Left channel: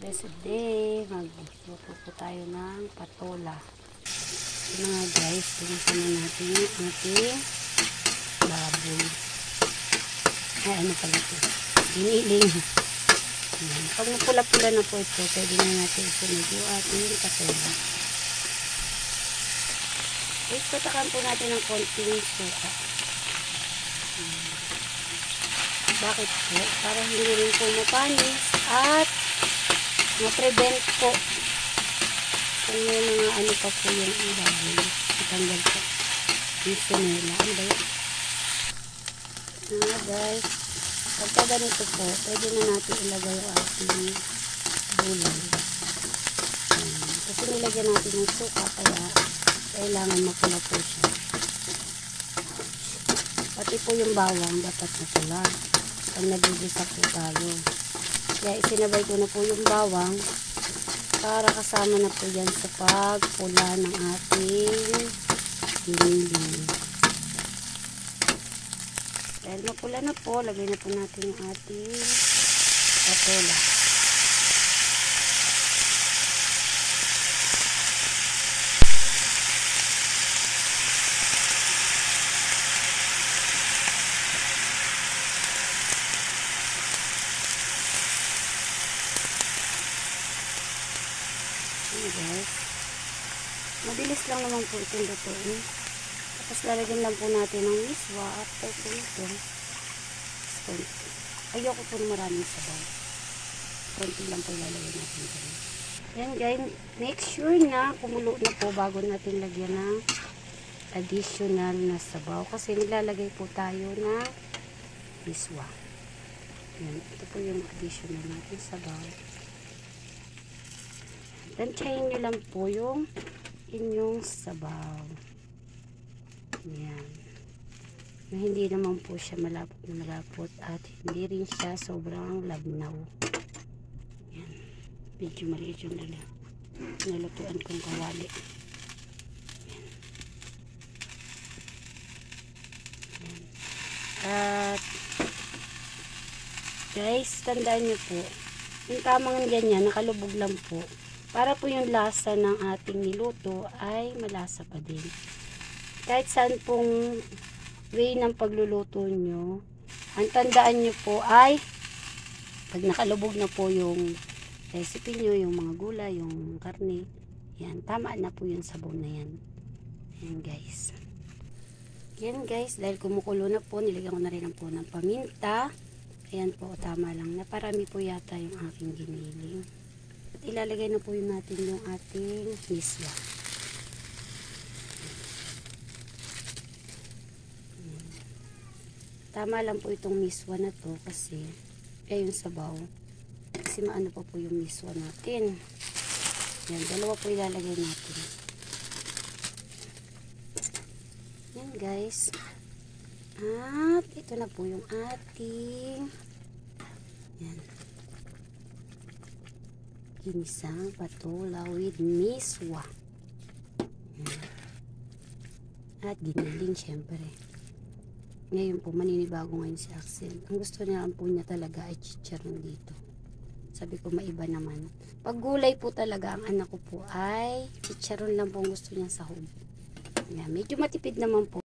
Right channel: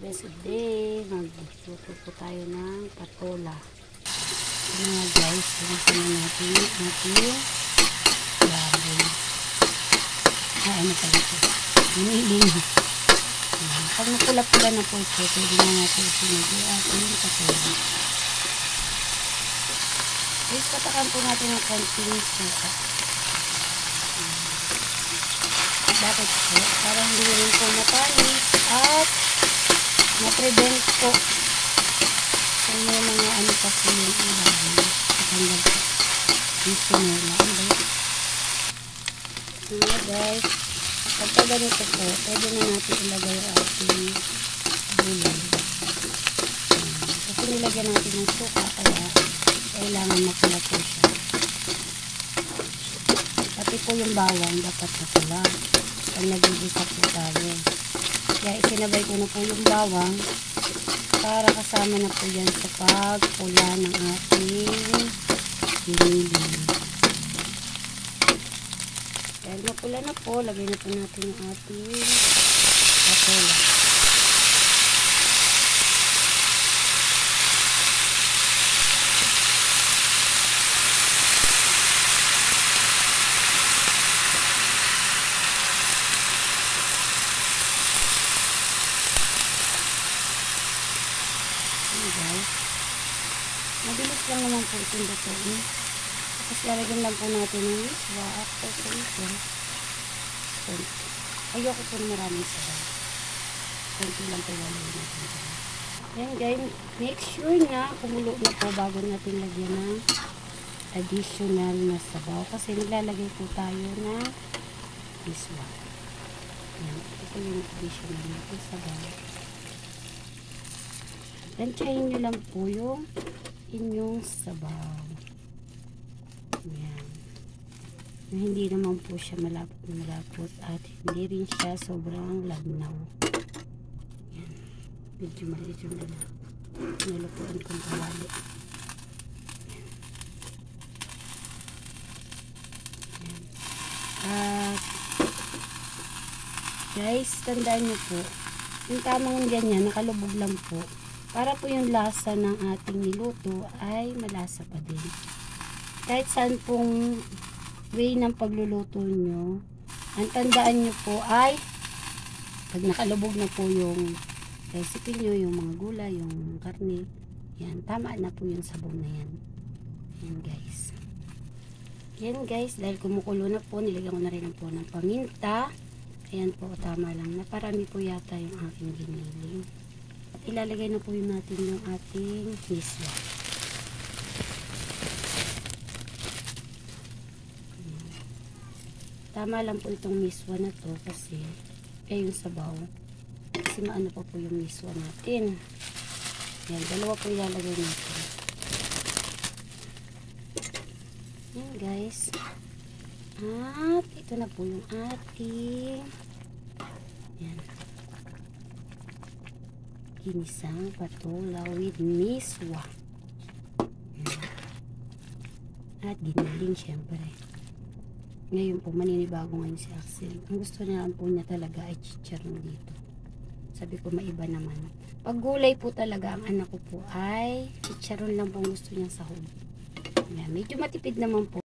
Blessed day, magluto po tayo ng patola. Mga guys, pinsan natin baboy. Ano pala ito? Giniling. Pag napula-pula na po ito, pwede na natin isunod at yung patola. Please, patakan po natin ng konting suka. Bakit po? Para hindi rin po mapanis at na-prevent po kung may mga ano pa po yung ilalim. Matanggal po. Dito nila. Ano ba yun? Guys, pagka ganito po, pwede na natin ilagay ang ating gulay. Kasi nilagyan natin yung suka, kaya kailangan mapula po siya. Pati po yung bawang, dapat mapula. Pag nagigisa po tayo. Kaya isinabay ko na po yung bawang para kasama na po yan sa pagpula ng ating giniling. Dahil mapula na po, lagay na po natin yung ating patola. Guys, mabilis lang naman po itong lutuin. Tapos lalagyan lang po natin ng miswa after po ito. Ayoko po na maraming sabaw. Konti lang po lalagyan natin. Ayan guys, make sure na kumulo na po bago natin lagyan ng additional na sabaw. Kasi nilalagay po tayo ng miswa. Ayan, ito po yung additional natin sabaw. Tansyahin nyo lang po yung inyong sabaw. Yan. Yung hindi naman po siya malapot na malapot at hindi rin siya sobrang labnaw. Yan. Medyo maliit yung nilapuan kong kawali. Yan. At guys, tandaan nyo po, yung tamang ganyan, nakalubog lang po. Para po yung lasa ng ating niluto ay malasa pa din. Kahit saan pong way ng pagluluto nyo, ang tandaan nyo po ay pag nakalubog na po yung recipe nyo, yung mga gulay, yung karne, yan, tama na po yung sabaw na yan. Yan guys. Yan guys, dahil kumukulo na po, nilagyan ko na rin po ng paminta. Ayan po, tama lang. Naparami po yata yung aking giniling. Ilalagay na po yun natin yung ating miswa. Tama lang po itong miswa na to kasi yung sabaw. Kasi maano pa po yung miswa natin. Yan, dalawa po ilalagay natin. Yan guys. At ito na po yung ating yan. Ginisang patola with miswa. At giniling syempre. Ngayon po, maninibago ngayon si Axel. Ang gusto niya po niya talaga ay chicharon dito. Sabi ko, maiba naman. Pag gulay po talaga, ang anak ko po ay chicharon lang po gusto niya sa huli. Medyo matipid naman po.